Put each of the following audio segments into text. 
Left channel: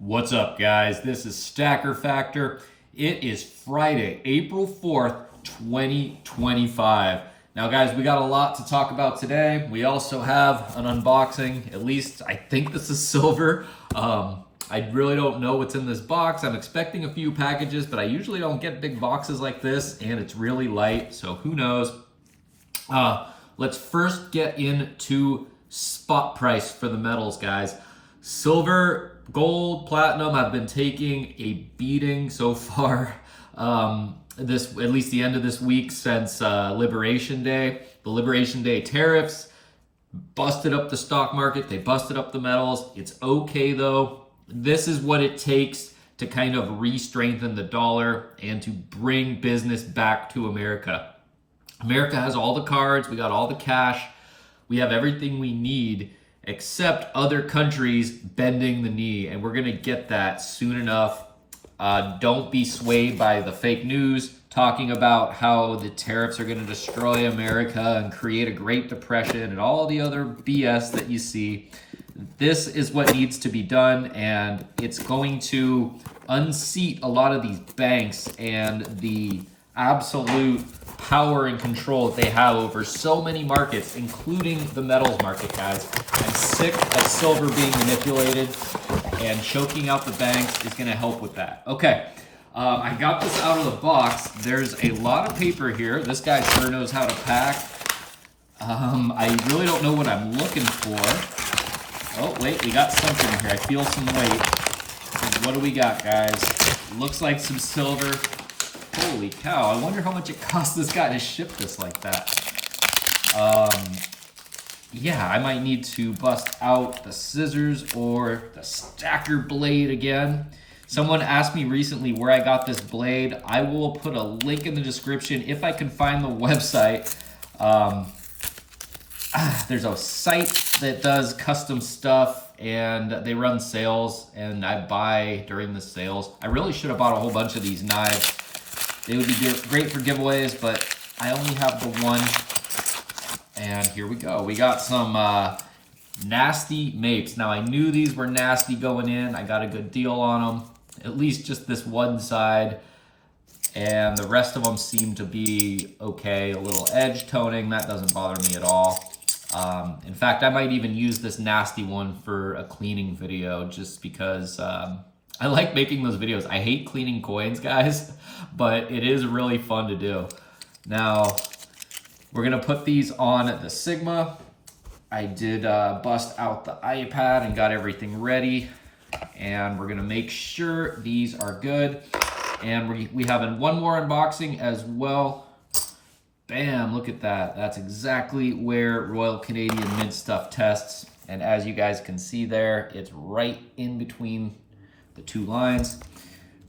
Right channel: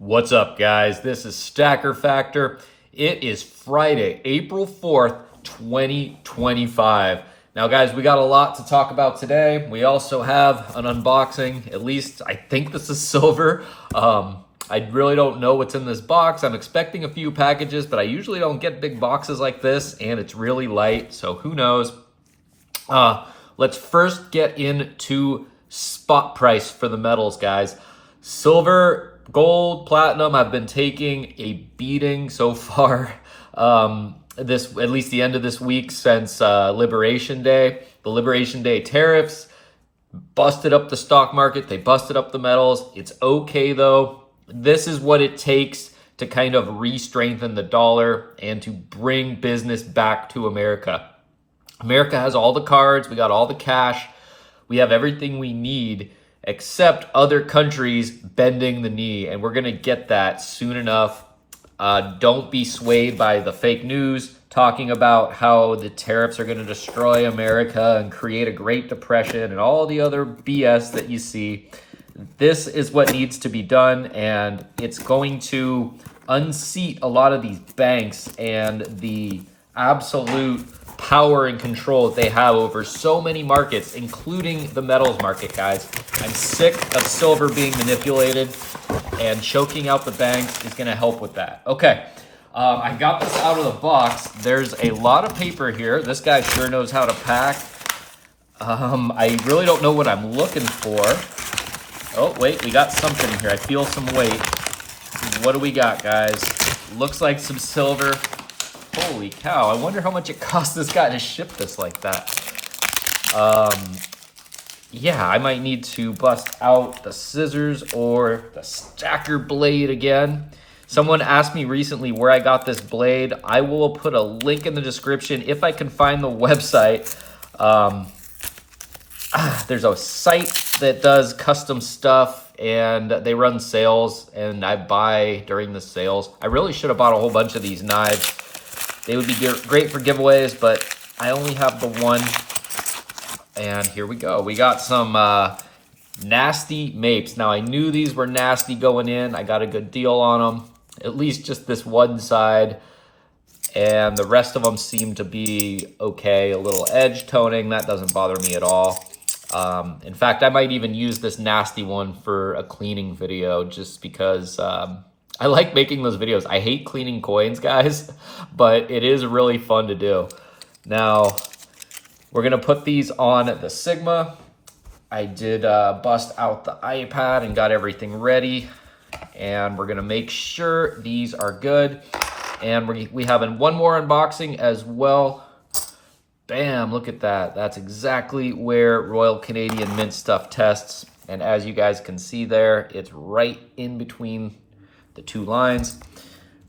What's up, guys? This is Stacker Factor. It is Friday, April 4th, 2025. Now, guys, we got a lot to talk about today. We also have an unboxing. At least I think this is silver. I really don't know what's in this box. I'm expecting a few packages, but I usually don't get big boxes like this, and it's really light, so who knows? Let's first get into spot price for the metals, guys. Silver, gold, platinum, I've been taking a beating so far. At least the end of this week since Liberation Day. The Liberation Day tariffs busted up the stock market. They busted up the metals. It's okay though. This is what it takes to kind of re-strengthen the dollar and to bring business back to America. America has all the cards. We got all the cash. We have everything we need, except other countries bending the knee, and we're gonna get that soon enough. Don't be swayed by the fake news talking about how the tariffs are gonna destroy America and create a Great Depression and all the other BS that you see. This is what needs to be done, and it's going to unseat a lot of these banks and the absolute power and control that they have over so many markets, including the metals market, guys. I'm sick of silver being manipulated, and choking out the banks is going to help with that. Okay, I got this out of the box. There's a lot of paper here. This guy sure knows how to pack. I really don't know what I'm looking for. Oh, wait, we got something here. I feel some weight. What do we got, guys? Looks like some silver. Holy cow, I wonder how much it cost this guy to ship this like that. Yeah, I might need to bust out the scissors or the stacker blade again. Someone asked me recently where I got this blade. I will put a link in the description if I can find the website. There's a site that does custom stuff and they run sales, and I buy during the sales. I really should have bought a whole bunch of these knives. They would be great for giveaways, but I only have the one. And here we go. We got some nasty mapes. Now, I knew these were nasty going in. I got a good deal on them. At least just this one side. And the rest of them seem to be okay. A little edge toning. That doesn't bother me at all. In fact, I might even use this nasty one for a cleaning video just because I like making those videos. I hate cleaning coins, guys, but it is really fun to do. Now, we're gonna put these on the Sigma. I did bust out the iPad and got everything ready, and we're gonna make sure these are good. And we have one more unboxing as well. Bam, look at that. That's exactly where Royal Canadian Mint stuff tests. And as you guys can see there, it's right in between the two lines.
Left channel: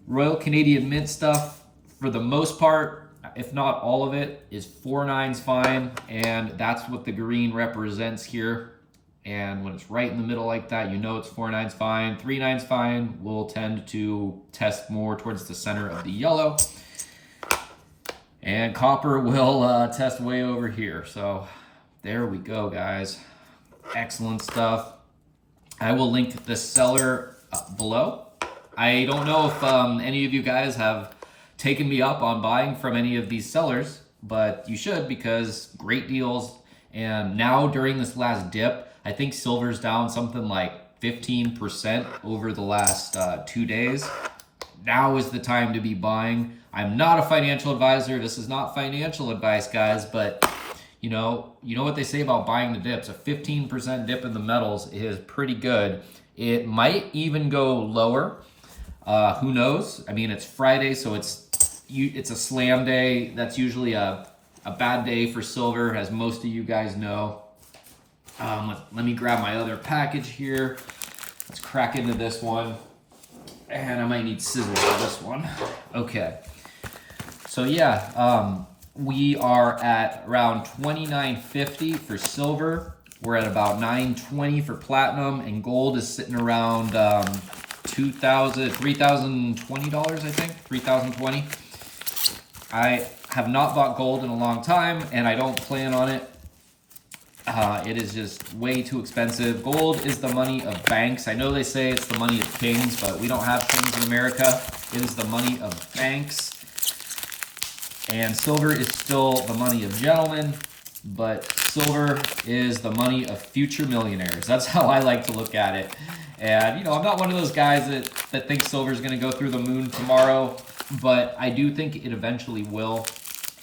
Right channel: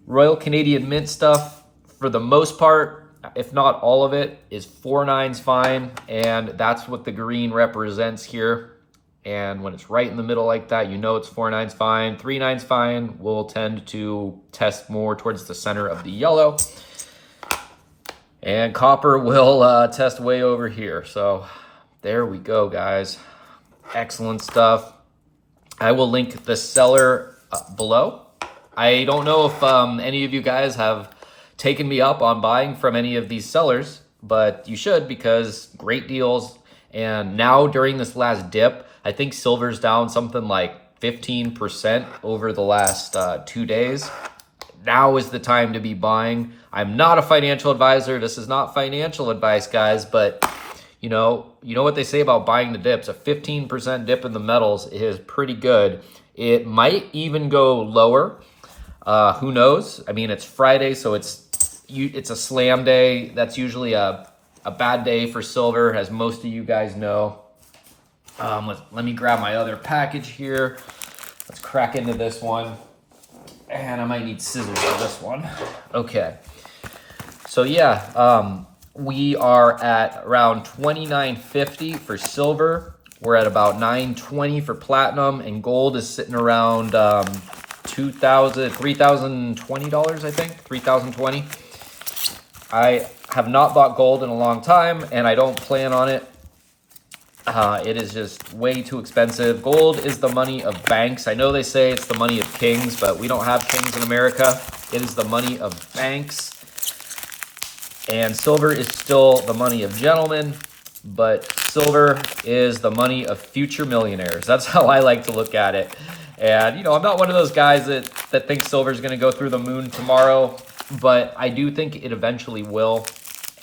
Royal Canadian Mint stuff, for the most part, if not all of it, is 4.9's fine, and that's what the green represents here. And when it's right in the middle like that, you know it's 4.9's fine. 3.9's fine. We'll tend to test more towards the center of the yellow. And copper will test way over here. So there we go, guys. Excellent stuff. I will link the seller below. I don't know if any of you guys have taken me up on buying from any of these sellers, but you should, because great deals. And now during this last dip, I think silver's down something like 15% over the last 2 days. Now is the time to be buying. I'm not a financial advisor. This is not financial advice, guys, but you know what they say about buying the dips. A 15% dip in the metals is pretty good. It might even go lower. Who knows? I mean, it's Friday, so it's a slam day. That's usually a bad day for silver, as most of you guys know. Let me grab my other package here. Let's crack into this one. And I might need scissors for this one. Okay. So yeah, we are at around $29.50 for silver. We're at about $9.20 for platinum, and gold is sitting around $3,020, I think, $3,020. I have not bought gold in a long time, and I don't plan on it. It is just way too expensive. Gold is the money of banks. I know they say it's the money of kings, but we don't have kings in America. It is the money of banks. And silver is still the money of gentlemen, but silver is the money of future millionaires. That's how I like to look at it. And, you know, I'm not one of those guys that thinks silver is going to go through the moon tomorrow, but I do think it eventually will.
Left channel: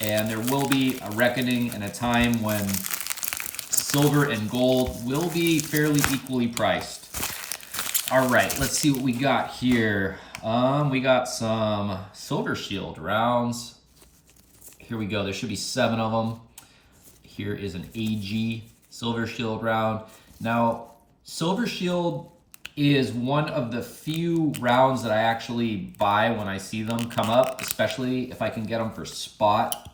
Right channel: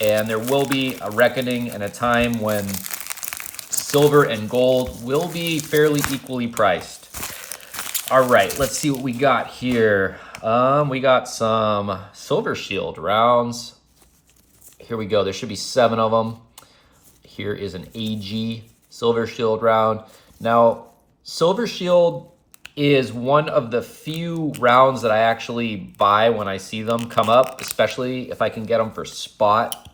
And there will be a reckoning and a time when silver and gold will be fairly equally priced. All right, let's see what we got here. We got some Silver Shield rounds. Here we go. There should be 7 of them. Here is an AG Silver Shield round. Now, Silver Shield is one of the few rounds that I actually buy when I see them come up, especially if I can get them for spot.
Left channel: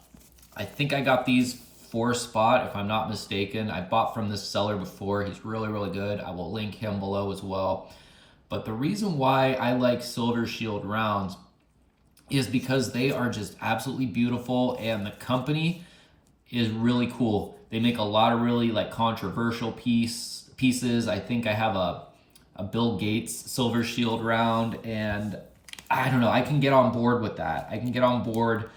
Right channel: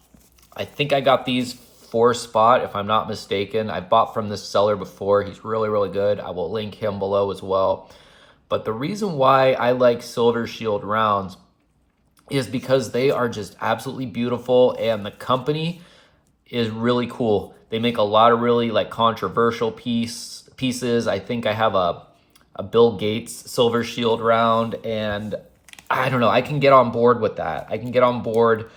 I think I got these for spot, if I'm not mistaken. I bought from this seller before. He's really, really good. I will link him below as well. But the reason why I like Silver Shield rounds is because they are just absolutely beautiful, and the company is really cool. They make a lot of really like controversial pieces. I think I have a Bill Gates Silver Shield round, and I don't know, I can get on board with that. I can get on board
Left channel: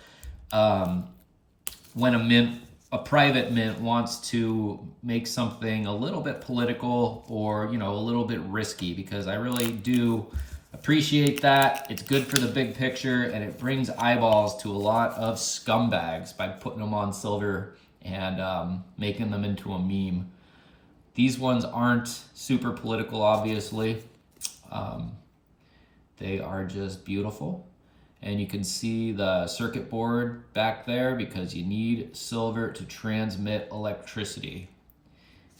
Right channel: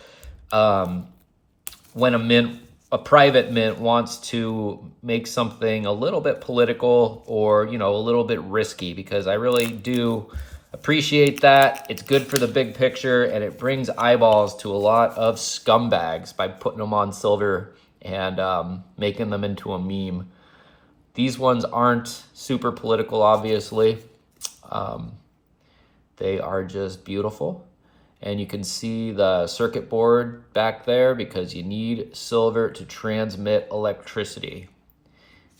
when a private mint wants to make something a little bit political or, you know, a little bit risky, because I really do appreciate that. It's good for the big picture, and it brings eyeballs to a lot of scumbags by putting them on silver and making them into a meme. These ones aren't super political, obviously. They are just beautiful. And you can see the circuit board back there because you need silver to transmit electricity.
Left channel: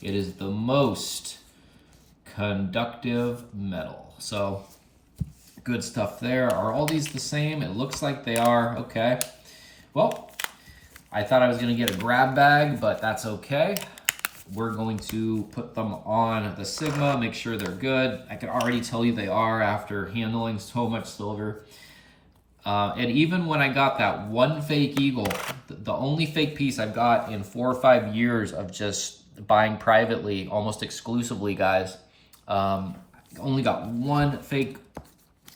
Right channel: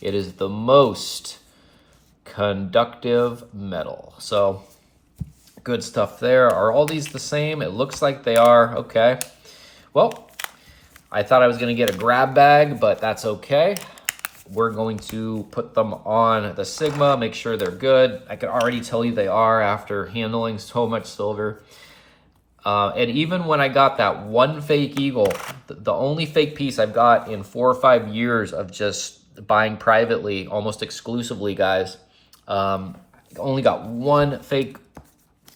It is the most conductive metal. So good stuff there. Are all these the same? It looks like they are. Okay. Well, I thought I was going to get a grab bag, but that's okay. We're going to put them on the Sigma, make sure they're good. I can already tell you they are after handling so much silver. And even when I got that one fake eagle, the only fake piece I've got in 4 or 5 years of just buying privately, almost exclusively, guys, only got one fake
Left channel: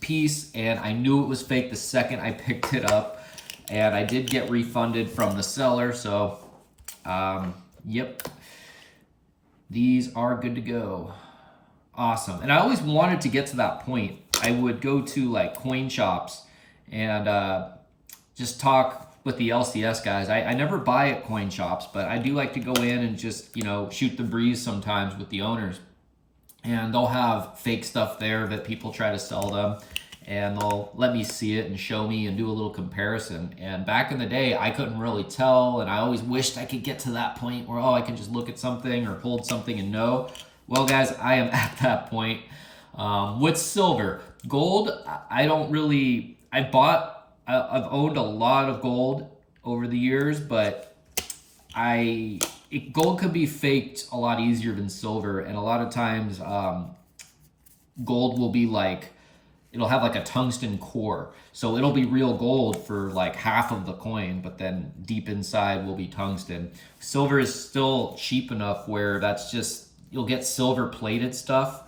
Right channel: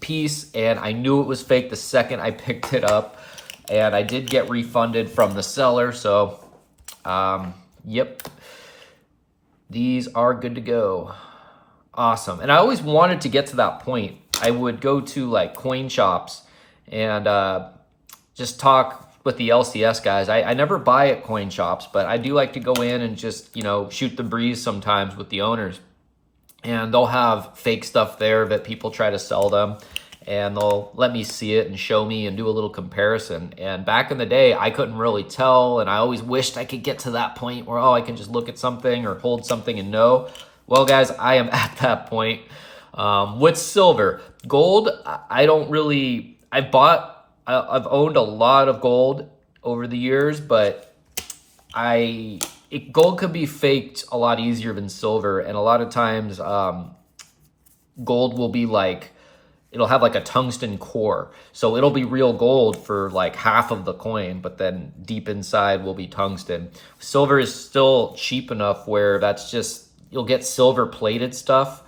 piece, and I knew it was fake the second I picked it up, and I did get refunded from the seller. So, yep, these are good to go. Awesome. And I always wanted to get to that point. I would go to like coin shops and just talk with the LCS guys. I never buy at coin shops, but I do like to go in and just, you know, shoot the breeze sometimes with the owners. And they'll have fake stuff there that people try to sell them, and they'll let me see it and show me and do a little comparison. And back in the day, I couldn't really tell, and I always wished I could get to that point where, oh, I can just look at something or hold something and know. Well, guys, I am at that point with silver. Gold, I don't really... I've owned a lot of gold over the years, but gold could be faked a lot easier than silver. And a lot of times gold will be like, it'll have like a tungsten core. So it'll be real gold for like half of the coin, but then deep inside will be tungsten. Silver is still cheap enough where that's just, you'll get silver plated stuff.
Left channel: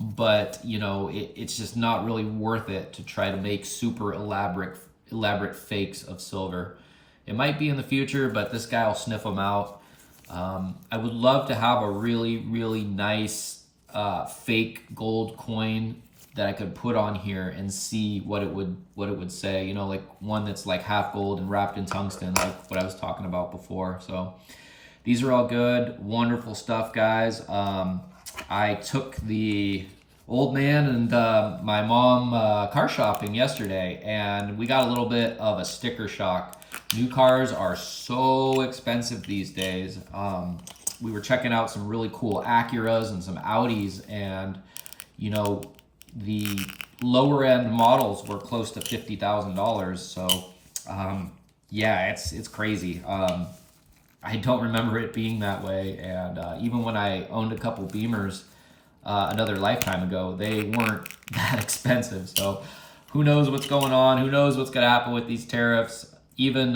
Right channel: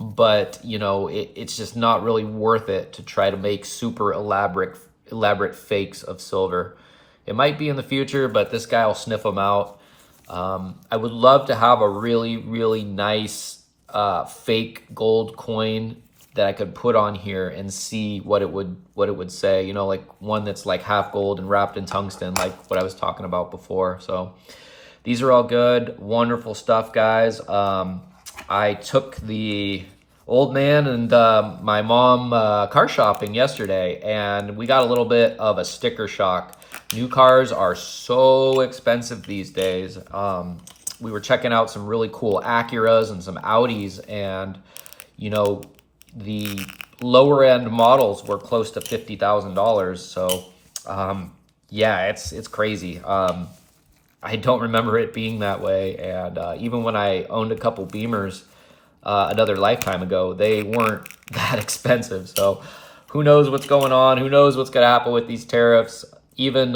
But, you know, it's just not really worth it to try to make super elaborate fakes of silver. It might be in the future, but this guy will sniff them out. I would love to have a really, really nice fake gold coin that I could put on here and see what it would say. You know, like one that's like half gold and wrapped in tungsten, like what I was talking about before. So these are all good, wonderful stuff, guys. I took the old man and my mom car shopping yesterday, and we got a little bit of a sticker shock. New cars are so expensive these days. We were checking out some really cool Acuras and some Audis, and you know, the lower end models were close to $50,000. So yeah, it's crazy. I don't remember it being that way. And even when I owned a couple Beamers another lifetime ago, they weren't that expensive. So who knows what's going on? Who knows what's going to happen with these tariffs? Even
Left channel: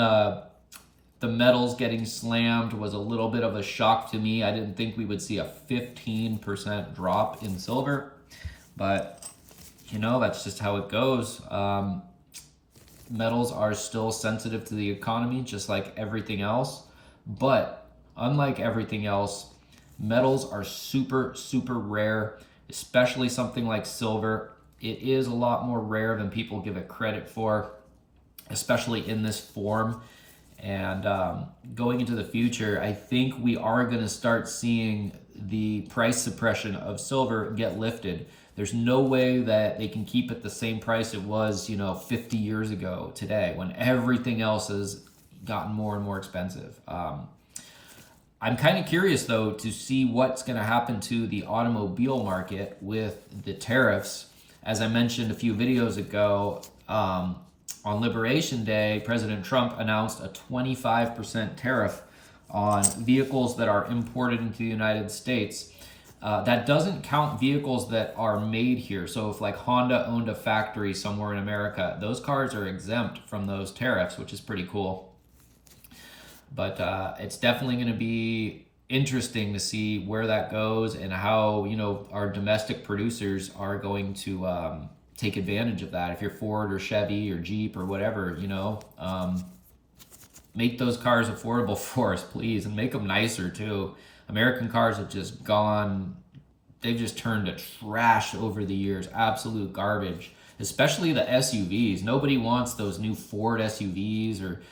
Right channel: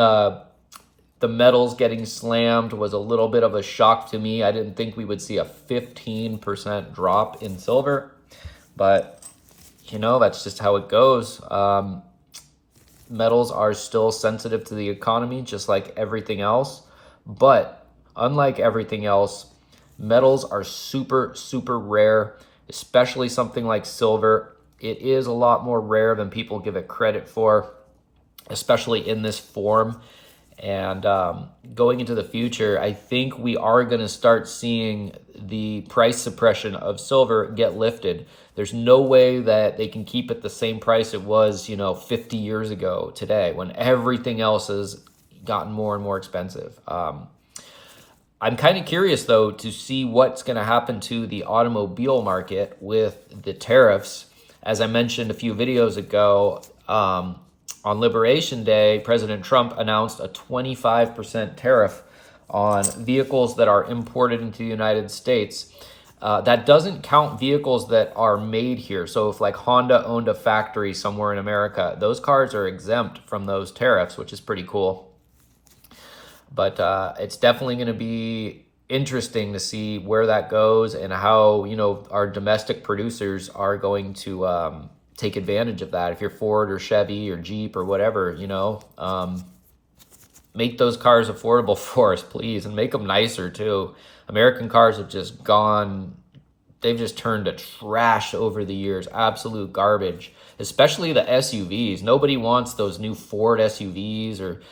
the metals getting slammed was a little bit of a shock to me. I didn't think we would see a 15% drop in silver, but you know, that's just how it goes. Metals are still sensitive to the economy, just like everything else. But unlike everything else, metals are super, super rare, especially something like silver. It is a lot more rare than people give it credit for, especially in this form. And going into the future, I think we are going to start seeing the price suppression of silver get lifted. There's no way that they can keep it the same price it was, 50 years ago today, when everything else has gotten more and more expensive. I'm kind of curious, though, to see what's going to happen to the automobile market with the tariffs. As I mentioned a few videos ago, on Liberation Day, President Trump announced a 25% tariff on vehicles that are imported into the United States. That doesn't count vehicles that are made here. So if like Honda owned a factory somewhere in America, those cars are exempt from those tariffs, which is pretty cool. But it's definitely going to be interesting to see where that goes and how, our domestic producers are going to take advantage of that. If you're Ford or Chevy or Jeep or whatever, make those cars affordable for us, please, and make them nicer too. American cars have just they've just turned to trash over the years, absolute garbage, especially the SUVs. Nobody wants those new Ford SUVs or,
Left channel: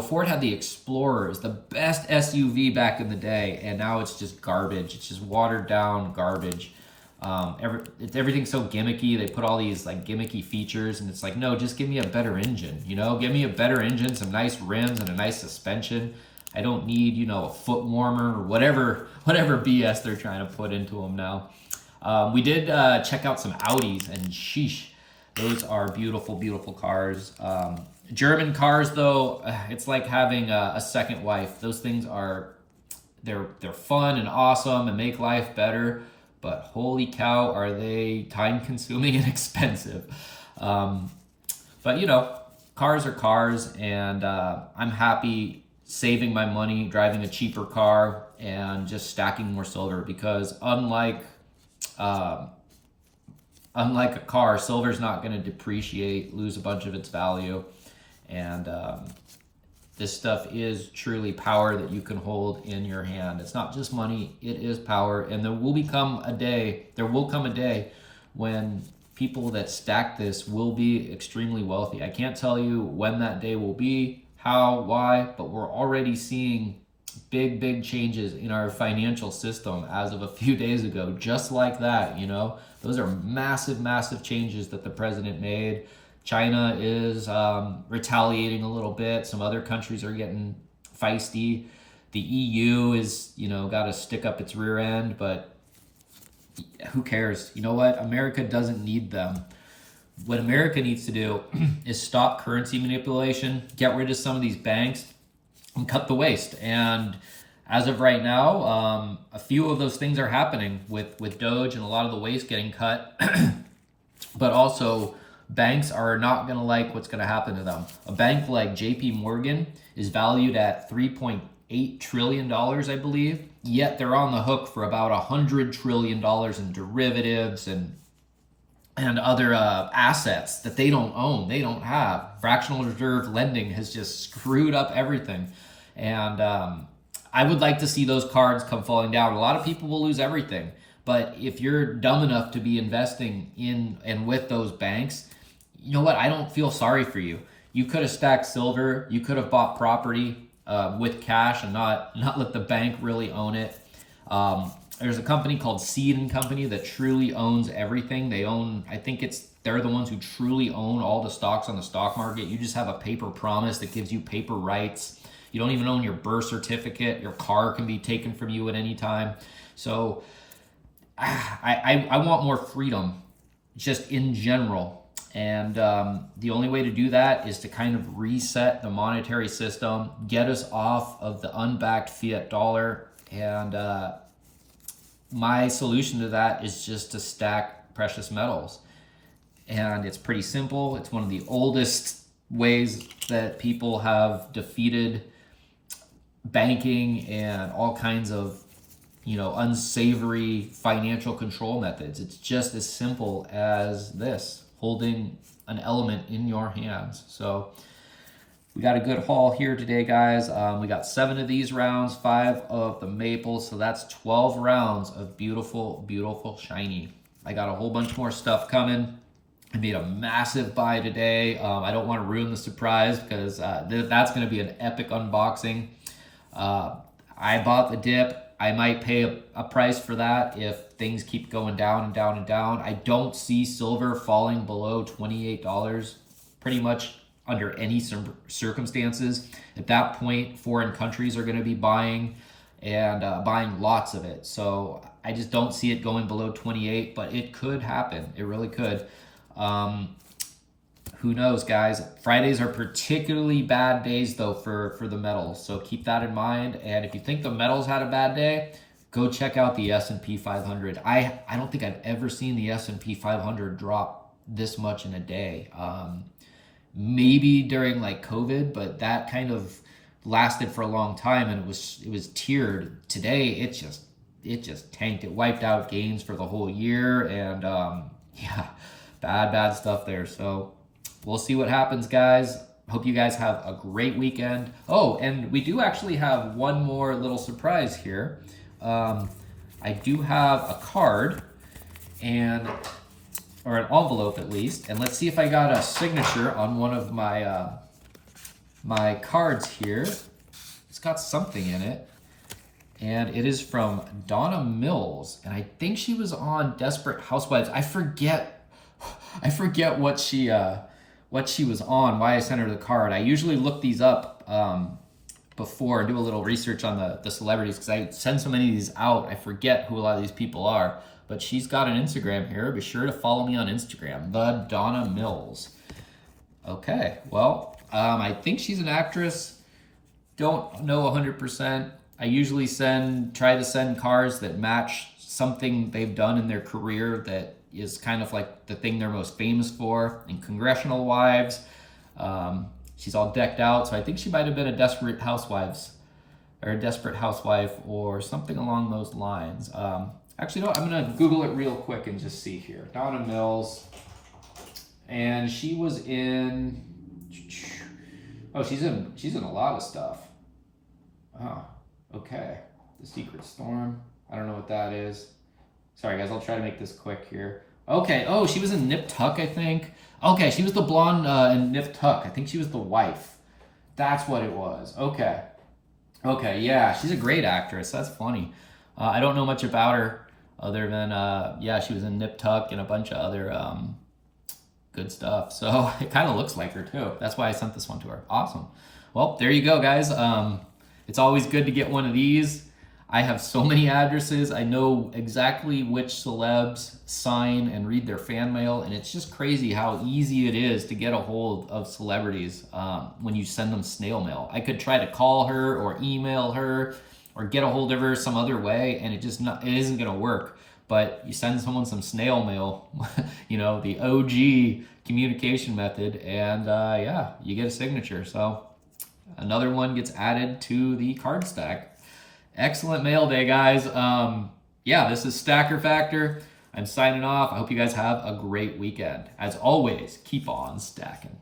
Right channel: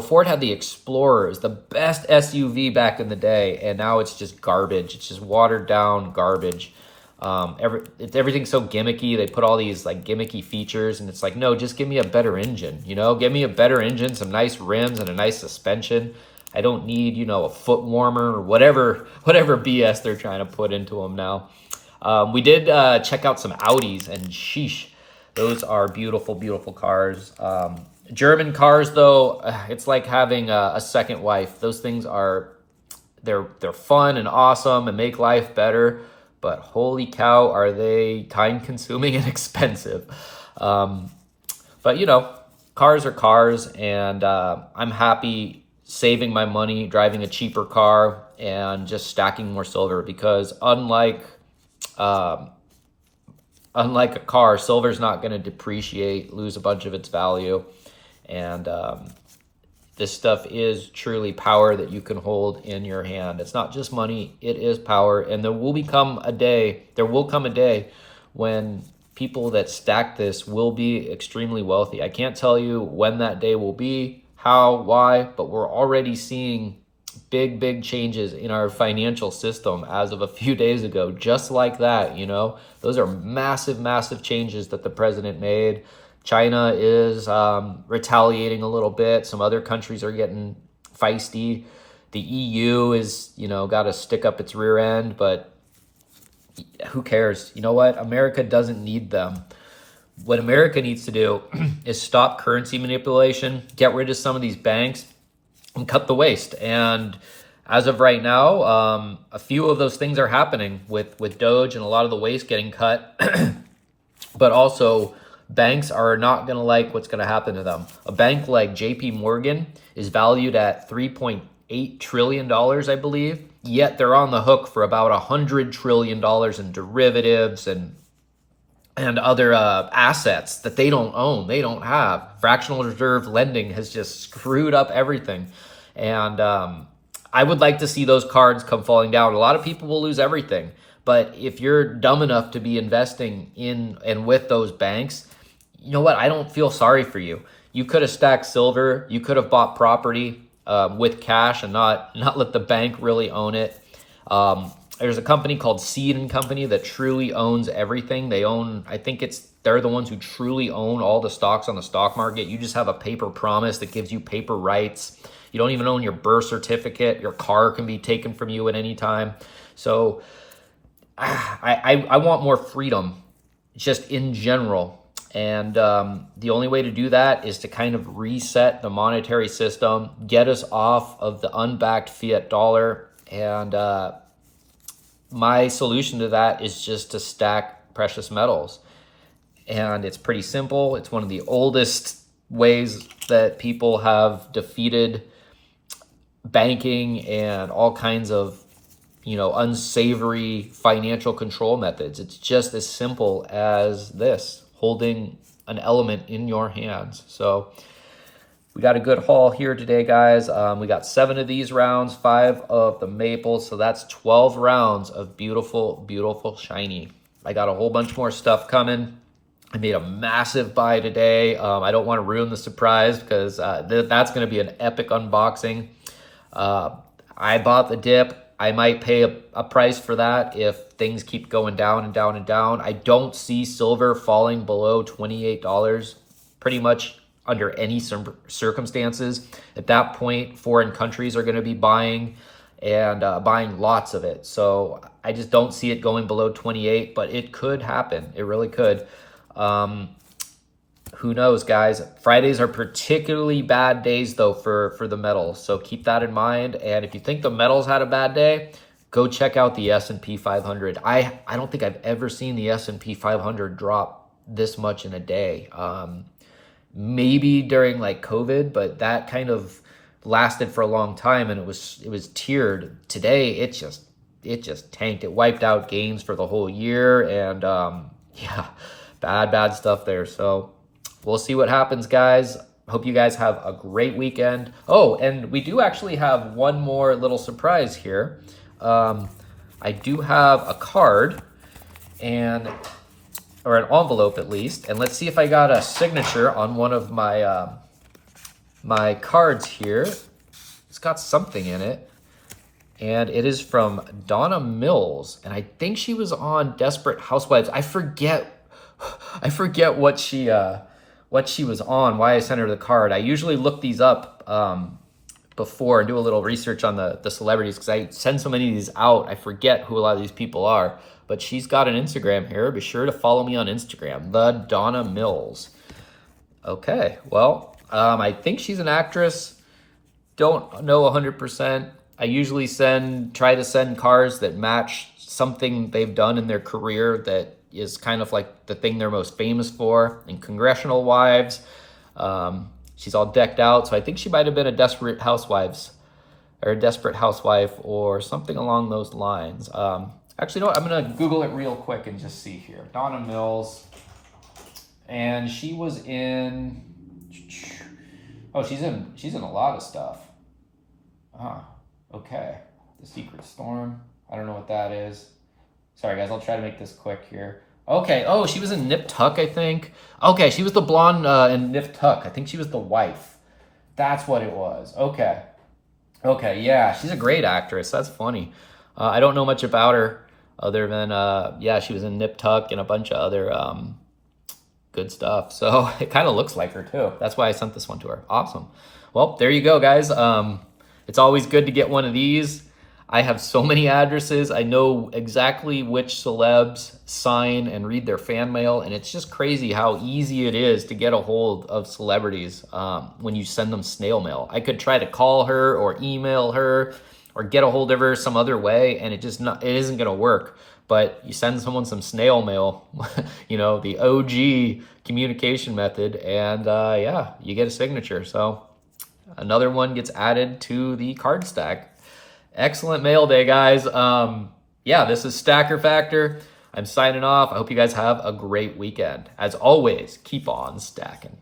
Ford had the Explorers, the best SUV back in the day, and now it's just garbage. It's just watered down garbage. Everything's so gimmicky. They put all these like gimmicky features, and it's like, no, just give me a better engine. Give me a better engine, some nice rims, and a nice suspension. I don't need, a foot warmer or whatever BS they're trying to put into them now. We did check out some Audis, and sheesh, those are beautiful, beautiful cars. German cars, though, it's like having a second wife. Those things they're fun and awesome and make life better. But holy cow, are they time-consuming and expensive. But, cars are cars, and I'm happy saving my money, driving a cheaper car, and just stacking more silver because unlike a car, silver's not going to depreciate, lose a bunch of its value. And this stuff is truly power that you can hold in your hand. It's not just money, it is power. And there will come a day when people that stack this will be extremely wealthy. I can't tell you when that day will be, how, why, but we're already seeing big changes in our financial system as of a few days ago, just like that, Those are massive changes that the president made. China is retaliating a little bit. Some other countries are getting feisty. The EU is, got to stick up its rear end, but who cares? You know what? America doesn't need them. What America needs to do is stop currency manipulation, get rid of some of these banks, and cut the waste. And as of right now, a few of those things are happening with Doge and a lot of the waste getting cut. But also, banks are not going to like what's going to happen to them. A bank like JP Morgan is valued at $3.8 trillion, I believe. Yet they're on the hook for about $100 trillion in derivatives and other assets that they don't own, they don't have. Fractional reserve lending has just screwed up everything. And I would like to see those cards come falling down. A lot of people will lose everything. But if you're dumb enough to be investing in and with those banks, you know what? I don't feel sorry for you. You could have stacked silver. You could have bought property with cash and not let the bank really own it. There's a company called Seed & Company that truly owns everything. They own, they're the ones who truly own all the stocks on the stock market. You just have a paper promise that gives you paper rights. You don't even own your birth certificate. Your car can be taken from you at any time. So I want more freedom just in general. And the only way to do that is to kind of reset the monetary system, get us off of the unbacked fiat dollar. And my solution to that is just to stack precious metals. And it's pretty simple. It's one of the oldest ways that people have defeated banking and all kinds of, unsavory financial control methods. It's just as simple as this, holding an element in your hands. So we got a good haul here today, guys. We got 7 of these rounds, 5 of the maple. So that's 12 rounds of beautiful, beautiful shiny. I got a whole bunch more stuff coming. I made a massive buy today. I don't want to ruin the surprise because that's going to be an epic unboxing. I bought the dip. I might pay a price for that if things keep going down and down and down. I don't see silver falling below $28 pretty much under any circumstances. At that point, foreign countries are going to be buying and buying lots of it. So I just don't see it going below 28, but it could happen. It really could. Who knows, guys? Fridays are particularly bad days, though, for the metals. So keep that in mind. And if you think the metals had a bad day, go check out the S&P 500. I don't think I've ever seen the S&P 500 drop this much in a day. Maybe during like COVID, but that kind of lasted for a long time, and it was tiered. Today, it just tanked. It wiped out gains for the whole year, and yeah, bad stuff there. So we'll see what happens, guys. Hope you guys have a great weekend. Oh, and we do actually have one more little surprise here. I do have a card or an envelope at least, and let's see if I got a signature on one of my my cards here. It's got something in it, and it is from Donna Mills, and I think she was on Desperate Housewives. I forget what she was on, why I sent her the card. I usually look these up before and do a little research on the celebrities because I send so many of these out, I forget who a lot of these people are. But she's got an Instagram here. Be sure to follow me on Instagram, the Donna Mills. Okay, well, I think she's an actress. Don't know 100%. I usually try to send cards that match something they've done in their career that is kind of like the thing they're most famous for. In Congressional Wives, she's all decked out, so I think she might have been a Desperate Housewife or something along those lines. Actually, no, I'm gonna Google it real quick and just see here. Donna Mills, and she was in. Oh, she's in a lot of stuff. Okay. The Secret Storm. I don't know what that is. Sorry, guys. I'll try to make this quick here. Okay. Oh, she was in Nip Tuck, I think. Okay, she was the blonde in Nip Tuck. I think she was the wife. That's what it was. Okay. Okay. Yeah, she's a great actress. That's funny. I don't know much about her other than yeah, she was in Nip Tuck and a bunch of other good stuff. So it kind of looks like her too. That's why I sent this one to her. Awesome. Well, there you go, guys. It's always good to get one of these. I have so many addresses. I know exactly which celebs sign and read their fan mail, and it's just crazy how easy it is to get a hold of celebrities when you send them snail mail. I could try to call her or email her or get a hold of her some other way, and it isn't gonna work. But you send someone some snail mail, the OG communication method, and yeah, you get a signature. So another one gets added to the card stack. Excellent mail day, guys. Yeah, this is Stacker Factor. I'm signing off. I hope you guys have a great weekend. As always, keep on stacking.